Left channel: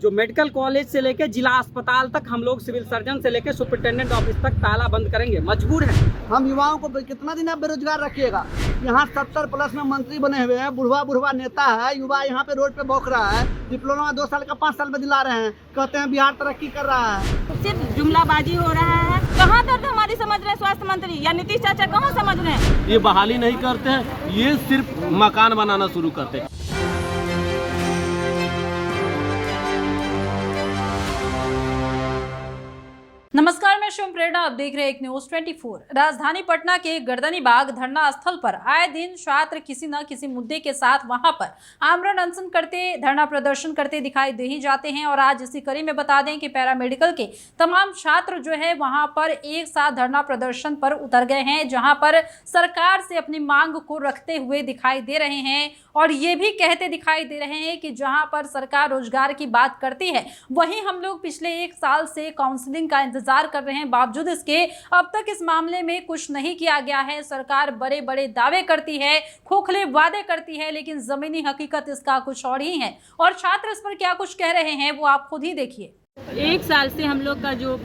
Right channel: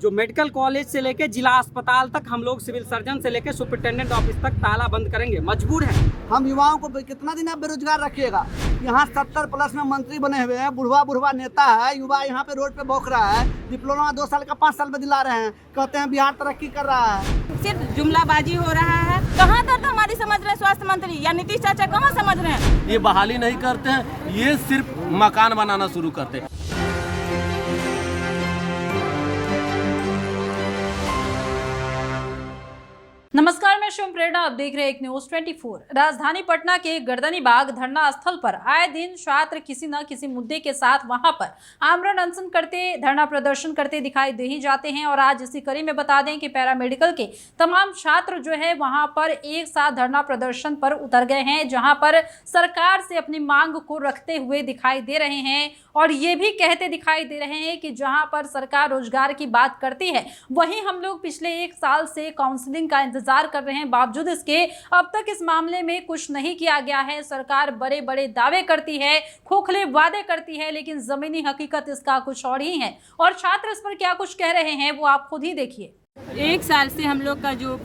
जो medical college से लेकर जिला अस्पताल तक हम लोग सिविल सर्जन से लेकर सुपरिटेंडेंट ऑफिस तक ताला बंद करेंगे, मजबूर हैं। हम युवाओं को कितना दिन आप बेरोजगार रखिएगा। यहाँ 70+ में मंत्री बने हुए हैं, बुढ़वा नेता है, युवा यहाँ पे रोड पे भौंक रहा है। डिप्लोमा 2 साल का 5 साल में दिला रहे हैं, कहते हैं बिहार तरक्की कर रहा है। सिर्फ जुमलाबाजी हो रहा है। कहाँ दर्द हमारी समझ रहे हैं स्वास्थ्य मंत्री या नीतीश चाचा, कहाँ समझ रहे हैं? ये बहाली नहीं करते हैं, ये सिर्फ मकान बनाना शुरू करते हैं। नमस्कार, मैं शुभ प्रेरणा, आप देख रहे हैं एक न्यूज 24। राजधानी पटना के गर्दनी बाग धरना स्थल पर आए दिन छात्र किसी न किसी मुद्दे के साथ वहां पर आमरण अनशन करते, धरना प्रदर्शन करते दिखाई दे ही जाते हैं। और आज इसी कड़ी में बता दें कि पैरामेडिकल के तमाम छात्र जो है वहां पर एक साथ धरना प्रदर्शन पर उतर गए हैं, जहां पर सरकार से अपनी मांग को रखते हुए दिखाई दे रहे हैं और ये भी कहते दिखाई दे रहे हैं कि जहां पर सरकार रोजगार की बात करती है, वहीं हम लोग पिछले 1 साल से काउंसलिंग का इंतजार कर रहे हैं। बावजूद इसके अब तक इस मामले में कुछ नहीं किया गया है। सरकार बड़े बड़े दावे करती है, खोखले वादे करती है, लेकिन जमीनी हकीकत इसका कुछ और ही है। और छात्र इस पर क्या कुछ कह रहे हैं वो आप खुद ही देखिए। 1 साल से हम लोग का जो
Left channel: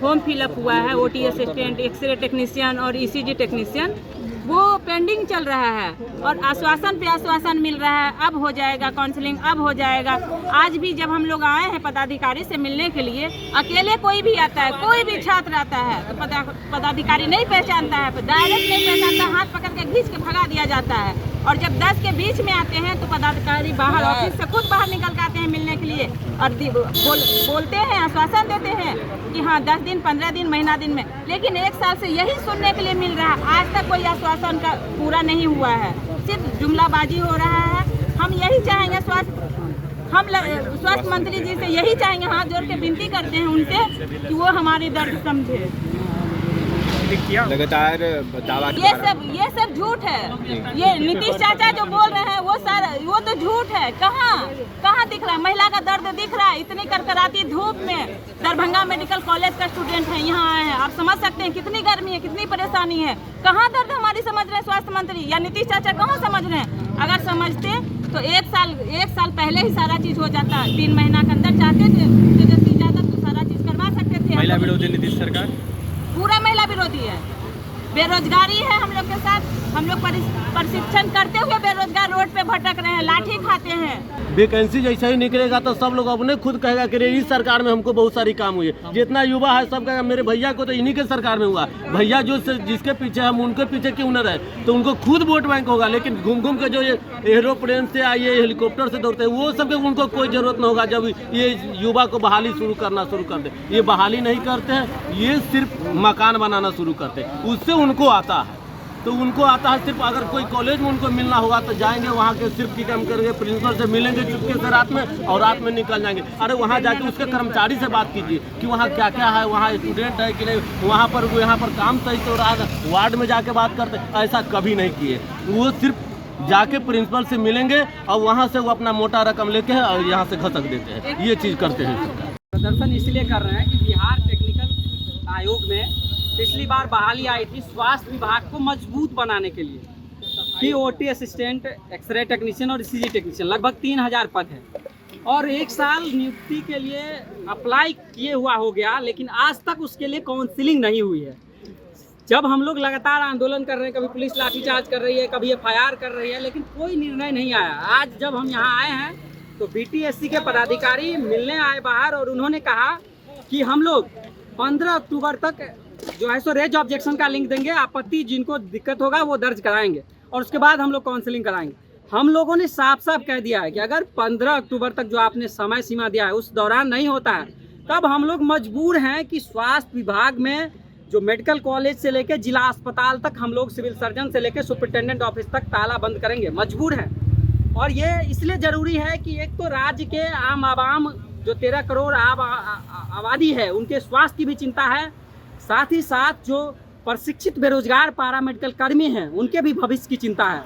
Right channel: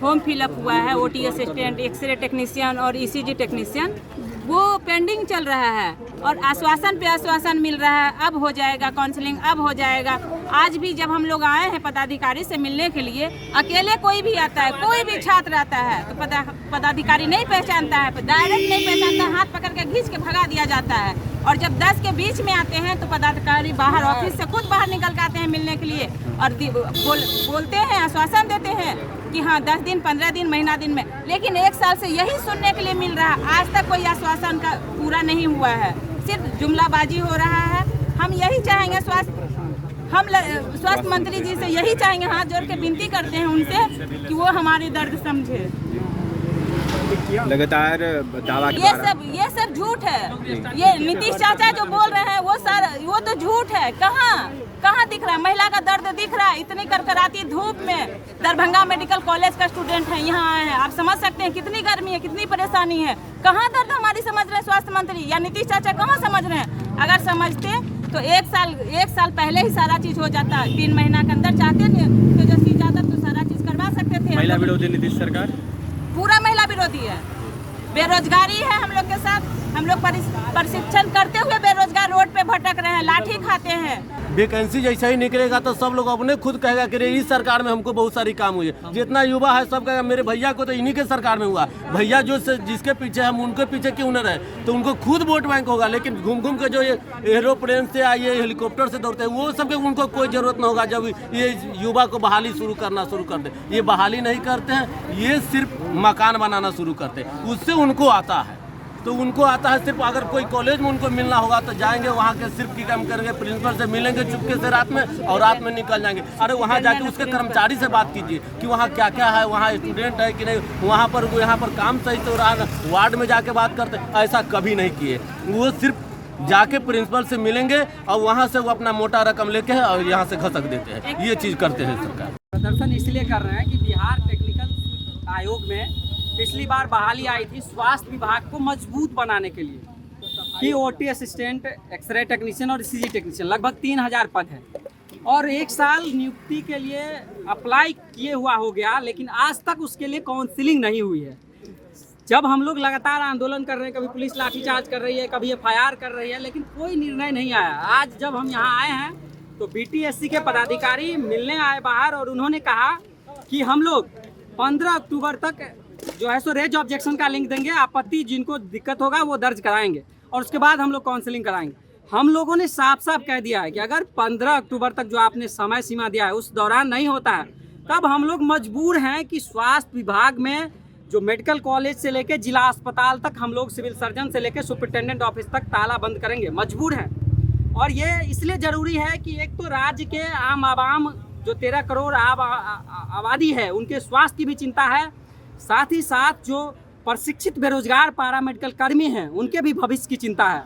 फॉर्म फिलअप हुआ है, OT असिस्टेंट, एक्सरे टेक्नीशियन और ECG टेक्नीशियन, वो पेंडिंग चल रहा है और आश्वासन पे आश्वासन मिल रहा है, अब हो जाएगा काउंसलिंग, अब हो जाएगा। आज भी जब हम लोग आए हैं पदाधिकारी से मिलने के लिए, अकेले कोई भी आता है, कोई भी छात्र आता है तो पदाधिकारी नहीं पहचानता है, डायरेक्ट नहीं पहचानता, हाथ पकड़ के खींच के भगा दिया जाता है। और जब 10 के बीच में आते हैं तो पदाधिकारी बाहर ऑफिस से खुद बाहर निकल के आते हैं मिलने के लिए और बोलते हैं, आश्वासन देते हैं कि हाँ 10 दिन, 15 दिन, महीना दिन में, लेकिन 1 साल से यही सुनने के लिए मिल रहा है। आज तक कोई आश्वासन का पूरा नहीं हुआ है, सिर्फ जुमलाबाजी हो रहा है। हम यही चाहेंगे स्वास्थ्य मंत्री जी से यही चाहेंगे, हाथ जोड़ के विनती करते हैं उनसे कि वो हमारे दर्द समझे। लगातार दावा ये सब झूठ है। ये नीतीश चाचा जो बोल रहे हैं वो तो झूठ है। कहाँ दिख रहा है? महिला का दर्द दिख रहा है? इतनी करकराती धूप में दरभंगा मेडिकल कॉलेज का स्टूडेंट है, यहाँ आए हैं, आप समझ सकते हैं कितनी गर्मी है, कितनी परेशानी है। कहाँ दर्द हमारी समझ रहे हैं स्वास्थ्य मंत्री या नीतीश चाचा, कहाँ समझ रहे हैं? अगर समझते तो 1 साल पहले ही सारा चीज हो जाता। 3 महीना के अंदर चाहते थे तेजस्वी यादव तो सारा चीज करवा सकते थे। महिला विरोधी नीतीश सरकार पूरा महिला विरोधी है, बेरोजगारी है हम लोग के साथ। हम लोग प्रशिक्षण करते हुए बेरोजगार रोड पे भटक रहे हैं, लाठी खाते हैं। वैकेंसी जैसा ही निकलेगा तो सब लोग अपने खुद कहेगा कि इस सरकार में हमको बहुत सारी काम हुई है। जितना युवा है सब कहेगा मेरे भैया को तो इन्हीं के सरकार में हुआ। भैया जो जिसके पीछे हम उनके पीछे क्यों न रहे, तो उनको खुद वोट बैंक होगा। लेकिन घूम घूम के जो ये एरोप्लेन से आइए, हेलीकॉप्टर से दौड़ते हैं, वो सबके उनको कोई जरूरत न होगा जब ये युवा को बहाली शुरू कर दे। ये बहाली नहीं करते हैं, ये सिर्फ मकान बनाना शुरू करते हैं। उससे उनको आता है, तो उनको आता है सिर्फ अगर कोई कॉलेज में उनको मिलना होगा तो जाएंगे वहाँ के सिर्फ की काम करेंगे, प्रिंसिपल से मिलेंगे चुपके से रात में और रात में निकल जाएंगे। अरे वहाँ जाके उसके कर्मचारी से बात कीजिए कि वहाँ क्या क्या है, वहाँ स्टूडेंट है कि नहीं, वहाँ पर काम सही से हो रहा है। वार्ड में जाके बात करते, ऐसा कभी नहीं किए। वो सिर्फ जाके प्रिंसिपल से मिलेंगे और वहाँ से वो अपना मोटा रकम लेके है और यहाँ से घसक देते हैं। ये चीज़ करते हैं सरकार। प्रदर्शन इसलिए कर रहे हैं कि बिहार टेक्निकल आयोग में पिछली बार बहाली आई थी स्वास्थ्य विभाग को मजबूत बनाने के लिए कि OT असिस्टेंट, एक्सरे टेक्नीशियन और ECG टेक्नीशियन लगभग 3000 पद हैं और 1 साल नियुक्ति के लिए अप्लाई किए हुआ हो गया, लेकिन आज तक उसके लिए काउंसलिंग नहीं हुई है। जब हम लोग लगातार आंदोलन कर रहे हैं, कभी पुलिस लाठीचार्ज कर रही है, कभी FIR कर रही है, लेकिन कोई निर्णय नहीं आया। आज जब हम यहाँ आए हैं तो BTSC के पदाधिकारी मिलने आए बाहर और उन्होंने कहा कि हम लोग 15 अक्टूबर तक जो है सो रेज ऑब्जेक्शन का लिंक देंगे, आपत्ति जिनको दिक्कत होगा वो दर्ज कराएंगे और उसके बाद हम लोग काउंसलिंग कराएंगे। हम लोगों ने साफ साफ कह दिया है कि अगर 15 अक्टूबर तक जो आपने समय सीमा दिया है उस दौरान नहीं होता है, तब हम लोग मजबूर हैं कि स्वास्थ्य विभाग में जो मेडिकल कॉलेज से लेकर जिला अस्पताल तक हम लोग सिविल सर्जन से लेकर सुपरिटेंडेंट ऑफिस तक ताला बंद करेंगे, मजबूर हैं। और ये इसलिए ज़रूरी है कि एक तो राज्य के आम आवाम जो 13 करोड़ आबादी है उनके स्वास्थ्य की भी चिंता है, साथ ही साथ जो प्रशिक्षित बेरोजगार पैरामेडिकल कर्मी हैं उनके भी भविष्य की चिंता है।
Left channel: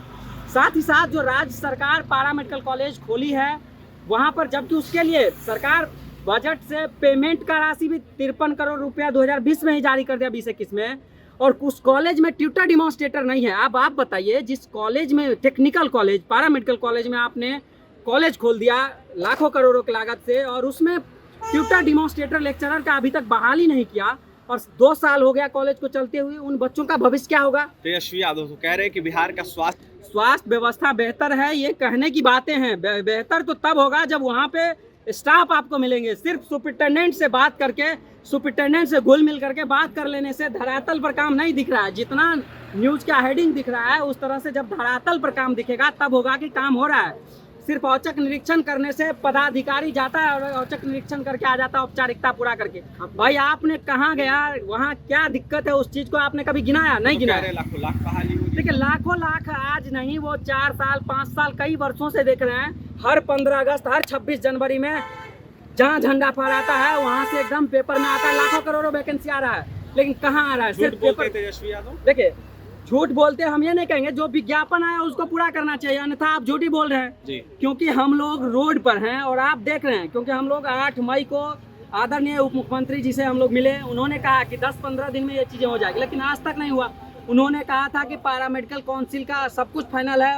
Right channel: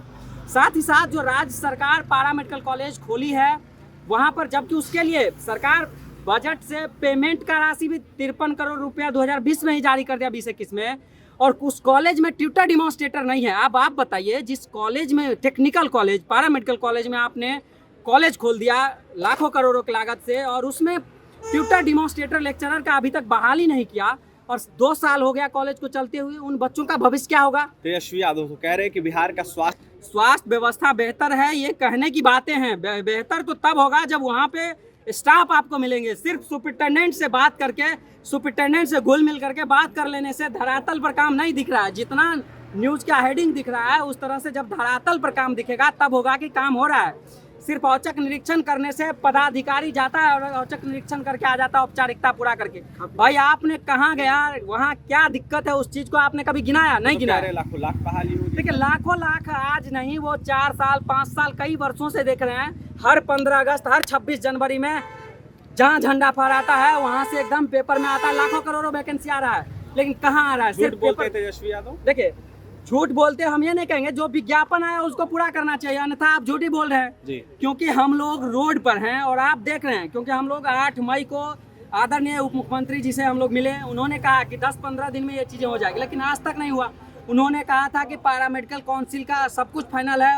साथ ही साथ जो राज्य सरकार पैरामेडिकल कॉलेज खोली है वहाँ पर, जबकि उसके लिए सरकार बजट से पेमेंट का राशि भी 53 करोड़ रुपया 2020 में ही जारी कर दिया, 2021 में, और उस कॉलेज में ट्यूटर डिमॉन्स्ट्रेटर नहीं है। अब आप बताइए, जिस कॉलेज में टेक्निकल कॉलेज पैरामेडिकल कॉलेज में आपने कॉलेज खोल दिया लाखों करोड़ों की लागत से, और उसमें ट्यूटर डेमोन्स्ट्रेटर लेक्चरर का अभी तक बहाली नहीं किया, और 2 साल हो गया कॉलेज को चलते हुए, उन बच्चों का भविष्य क्या होगा? तेजस्वी यादव तो कह रहे हैं कि बिहार का स्वास्थ्य व्यवस्था बेहतर है, ये कहने की बातें हैं। बेहतर तो तब होगा जब वहाँ पे स्टाफ आपको मिलेंगे। सिर्फ सुपरिटेंडेंट से बात करके, सुपरिटेंडेंट से घुल मिल करके बात कर लेने से धरातल पर काम नहीं दिख रहा है। जितना न्यूज़ का हेडिंग दिख रहा है उस तरह से जब धरातल पर काम दिखेगा तब होगा कि काम हो रहा है। सिर्फ औचक निरीक्षण करने से पदाधिकारी जाता है और औचक निरीक्षण करके आ जाता है औपचारिकता पूरा करके। भाई आपने कहाँ गया, वहाँ क्या दिक्कत है, उस चीज़ को आपने कभी गिनाया? नहीं गिनाया। लाखों लाख बहाली हो रही है। देखिए लाखों लाख आज नहीं, वो 4 साल 5 साल कई वर्षों से देख रहे हैं। हर 15 अगस्त, हर 26 जनवरी में जहाँ झंडा फहराता है वहाँ से एकदम पेपर में आता है लाखों करोड़ों वैकेंसी आ रहा है, लेकिन कहाँ आ रहा है? सिर्फ पेपर। तेजस्वी यादव देखिए झूठ बोलते हम ये नहीं कहेंगे, जो विज्ञापन आया उसको पूरा करना चाहिए, अन्यथा आप झूठ ही बोल रहे हैं जी। क्योंकि हम लोग रोड पर हैं और आप देख रहे हैं। क्योंकि हम लोग 8 मई को आदरणीय उप मुख्यमंत्री जी से हम लोग मिले, उन्होंने कहा कि 10-15 दिन में ये चीज़ें हो जाएगी, लेकिन आज तक नहीं हुआ। उन्होंने कहा था कि पैरामेडिकल काउंसिल का सब कुछ फाइनल है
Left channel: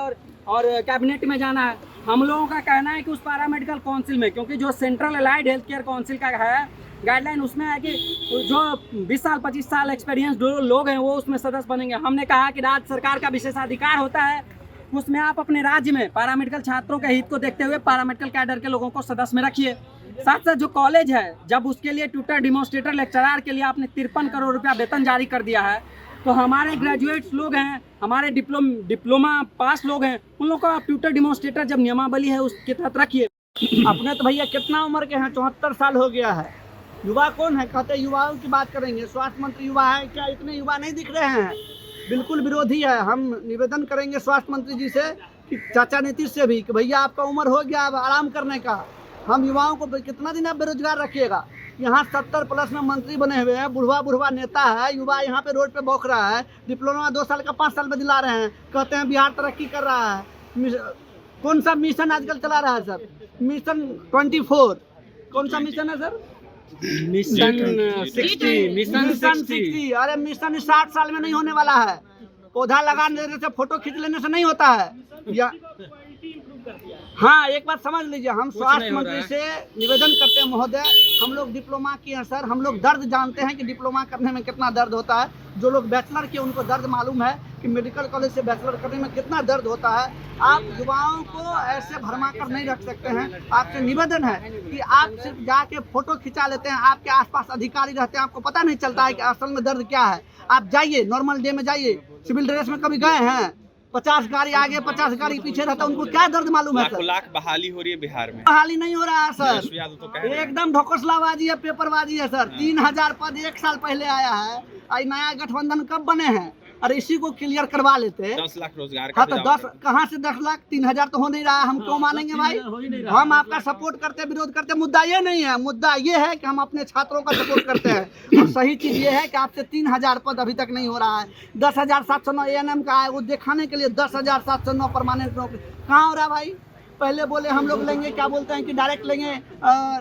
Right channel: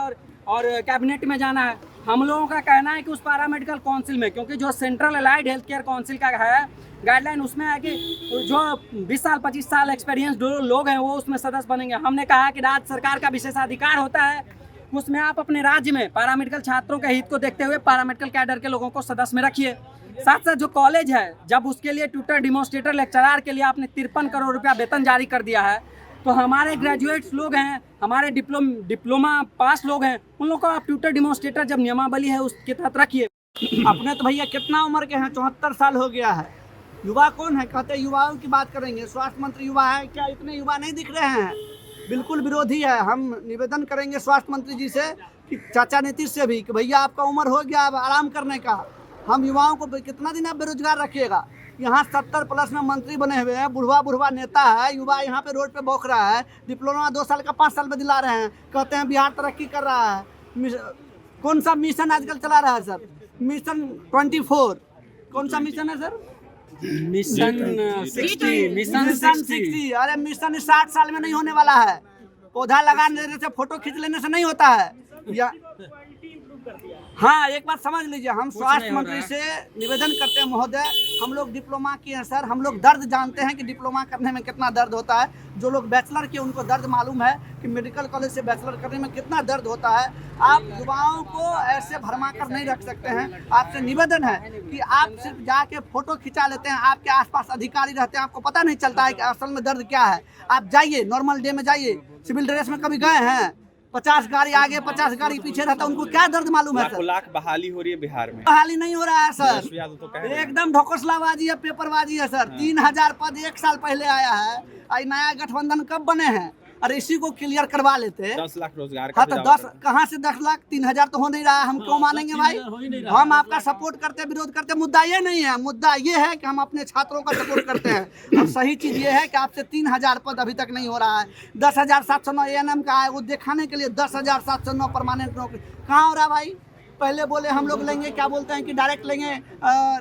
और कैबिनेट में जाना है। हम लोगों का कहना है कि उस पैरामेडिकल काउंसिल में, क्योंकि जो central allied health care council का है गाइडलाइन, उसमें है कि जो 20 साल 25 साल एक्सपीरियंस जो लोग हैं वो उसमें सदस्य बनेंगे। हमने कहा कि राज्य सरकार का विशेषाधिकार होता है, उसमें आप अपने राज्य में पैरामेडिकल छात्रों के हित को देखते हुए पैरामेडिकल कैडर के लोगों को सदस्य में रखिए। साथ साथ जो कॉलेज है, जब उसके लिए ट्यूटर डेमोन्स्ट्रेटर लेक्चरर के लिए आपने 53 करोड़ रुपया वेतन जारी कर दिया है, तो हमारे ग्रेजुएट्स लोग हैं, हमारे डिप्लोमा पास लोग हैं, उन लोगों को आप ट्यूटर डेमोन्स्ट्रेटर जब नियमावली है उसके तहत रखिए। अपने तो भैया कितना उम्र के हैं? 74 साल हो गया है। युवा कौन है? कहते हैं युवाओं की बात करेंगे, स्वास्थ्य मंत्री युवा है क्या? इतने युवा नहीं दिख रहे हैं, बिल्कुल विरोधी है। हम निवेदन करेंगे स्वास्थ्य मंत्री जी से कि चाचा नीतीश से भी कि भैया आपका उम्र हो गया अब आराम करने का। हम युवाओं को कितना दिन आप बेरोजगार रखिएगा? यहाँ 70+ में मंत्री बने हुए हैं, बुढ़वा नेता है, युवा यहाँ पे रोड पे भौंक रहा है। डिप्लोमा 2 साल का 5 साल में दिला रहे हैं, कहते हैं बिहार तरक्की कर रहा है। कौन सा मिशन आजकल चला रहा है सर? मिशन 24। कौन सा मिशन है सर? मिशन 60। अरे मिशन 60 साल में नहीं होने वाला है। पौधा लगा देने से, फोटो खींच लेने से नहीं होता है या हाँ, एक बात समझ लीजिए, हम स्वास्थ्य मंत्री से निवेदन करते हैं महोदय, हम लोग डिप्लोमा किए हैं सर, हम लोग दर्द जानते हैं कि डिप्लोमा करने में कितना दर्द होता है। जो लोग बैचलर किए उनको दर्द मालूम है कि मेडिकल कॉलेज से बैचलर करने में कितना दर्द होता है। आप युवाओं को ऐसे भरमा कर नहीं रख सकते हैं। आपसे निवेदन है कि आप सिर्फ जाके फोटो खिंचा लेते हैं, आपके आसपास अधिकारी रहते हैं, आपको पता नहीं चलता है कि असल में दर्द क्या है। आप जाइए, नॉर्मल डे में जाइए, सिविल ड्रेस में कभी गए हैं? 50 गाड़ी आगे 50 गाड़ी पीछे रहता है, उनको क्या दर्द मालूम है सर? लाख बहाली हो रही है बिहार में। बहाली नहीं हो रहा है सर, तेजस्वी यादव तो कह रहे हैं। एकदम ढकोसलाबाजी है, पेपरबाजी है सर। 3000 पद 1 साल पहले आया है। आई नया गठबंधन कब बने हैं? और इसी को क्लियर करवा लेते। 10 लाख रोजगार का हाँ तो 10 कहाँ से 10 लाख? 3000 तो हो नहीं रहा है। हम क्यों मानेंगे भाई? हम आपका सपोर्ट करते, विरोध करते, मुद्दा ये नहीं है। मुद्दा ये है कि हम अपने छात्रों का सपोर्ट करते हैं। और सही चीज़ ये है कि आपसे 3000 पद अभी तक नहीं हो रहा है। 10,709 ANM का है, वो दिखाने के लिए 10,709 परमानेंट नौकरी कहाँ हो रहा है भाई? पहले बोले हम लोग लेंगे, क्या बोलते हैं कि डायरेक्ट लेंगे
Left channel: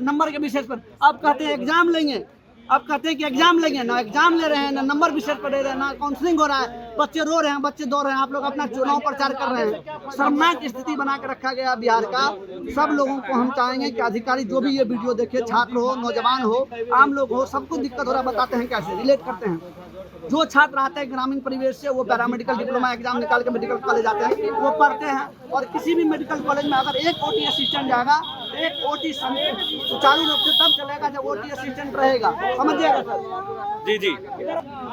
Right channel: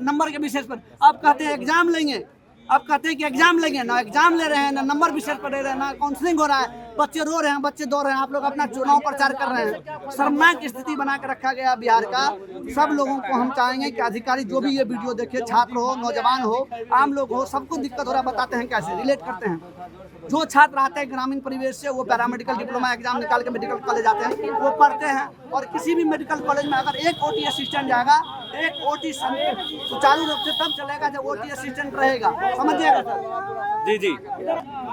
नंबर के बेसिस पर, अब कहते हैं एग्जाम लेंगे। अब कहते हैं कि एग्जाम लेंगे, ना एग्जाम ले रहे हैं, ना नंबर विशेष पर दे रहे हैं, ना काउंसलिंग हो रहा है। बच्चे रो रहे हैं, बच्चे दौड़ रहे हैं। आप लोग अपना चुनाव प्रचार कर रहे हैं। शर्मनाक स्थिति बना के रखा गया बिहार का। सब लोगों को हम चाहेंगे कि अधिकारी जो भी ये वीडियो देखे, छात्र हो, नौजवान हो, आम लोग हो, सबको दिक्कत हो रहा है, बताते हैं कैसे रिलेट करते हैं। जो छात्र आते हैं ग्रामीण परिवेश से, वो पैरामेडिकल डिप्लोमा एग्जाम निकाल के मेडिकल कॉलेज आते हैं, वो पढ़ते हैं। और किसी भी मेडिकल कॉलेज में अगर एक OT असिस्टेंट जाएगा, एक OT सुचारू रूप से तब चलेगा जब OT असिस्टेंट रहेगा। समझिएगा सर? जी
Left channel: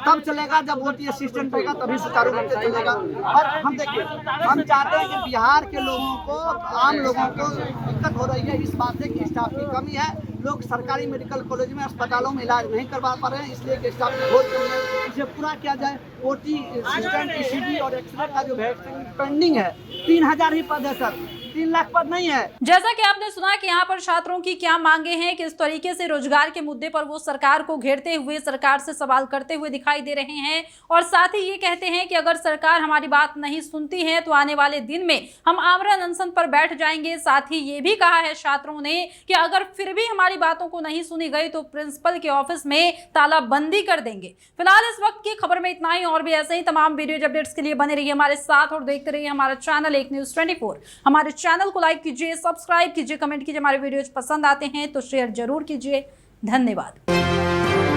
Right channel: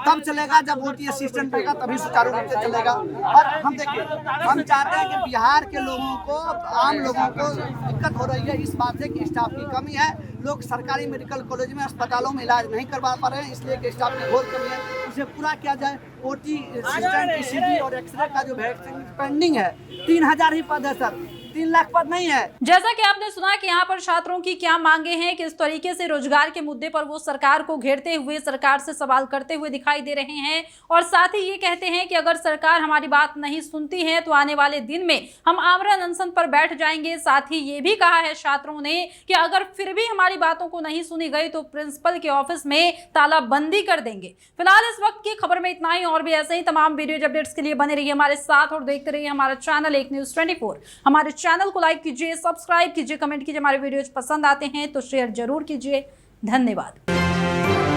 तब चलेगा जब OT असिस्टेंट रहेगा, तभी सुचारू रूप से चलेगा। और हम देखिए, हम चाहते हैं कि बिहार के लोगों को, आम लोगों को दिक्कत हो रही है इस बात से कि स्टाफ की कमी है। लोग सरकारी मेडिकल कॉलेज में, अस्पतालों में इलाज नहीं करवा पा रहे हैं, इसलिए कि स्टाफ की बहुत कमी है। इसे पूरा किया जाए। OT असिस्टेंट, ECG और एक्सरे का जो वैक्सीन पेंडिंग है, 3000 ही पद है सर, 3 लाख पद नहीं है। जैसा कि आपने सुना कि यहाँ पर छात्रों की क्या मांगे हैं, किस तरीके से रोजगार के मुद्दे पर वो सरकार को घेरते हुए, सरकार से सवाल करते हुए दिखाई दे रहे हैं। और साथ ही ये कहते हैं कि अगर सरकार हमारी बात नहीं सुनती है तो आने वाले दिन में हम आमरण अनशन पर बैठ जाएंगे। साथ ही ये भी कहा है छात्रों ने कि अगर फिर भी हमारी बातों को नहीं सुनी गई तो प्रिंसिपल के ऑफिस में तालाबंदी कर देंगे। फिलहाल इस वक्त की खबर में इतना ही। और भी ऐसे ही तमाम वीडियो अपडेट्स के लिए बने रहिए हमारे साथ और देखते रहिए हमारा चैनल एक न्यूज़ 24। हमारे चैनल को लाइक कीजिए, सब्सक्राइब कीजिए, कमेंट कीजिए। हमारे वीडियोज पसंद आते हैं तो शेयर जरूर कीजिए। धन्यवाद।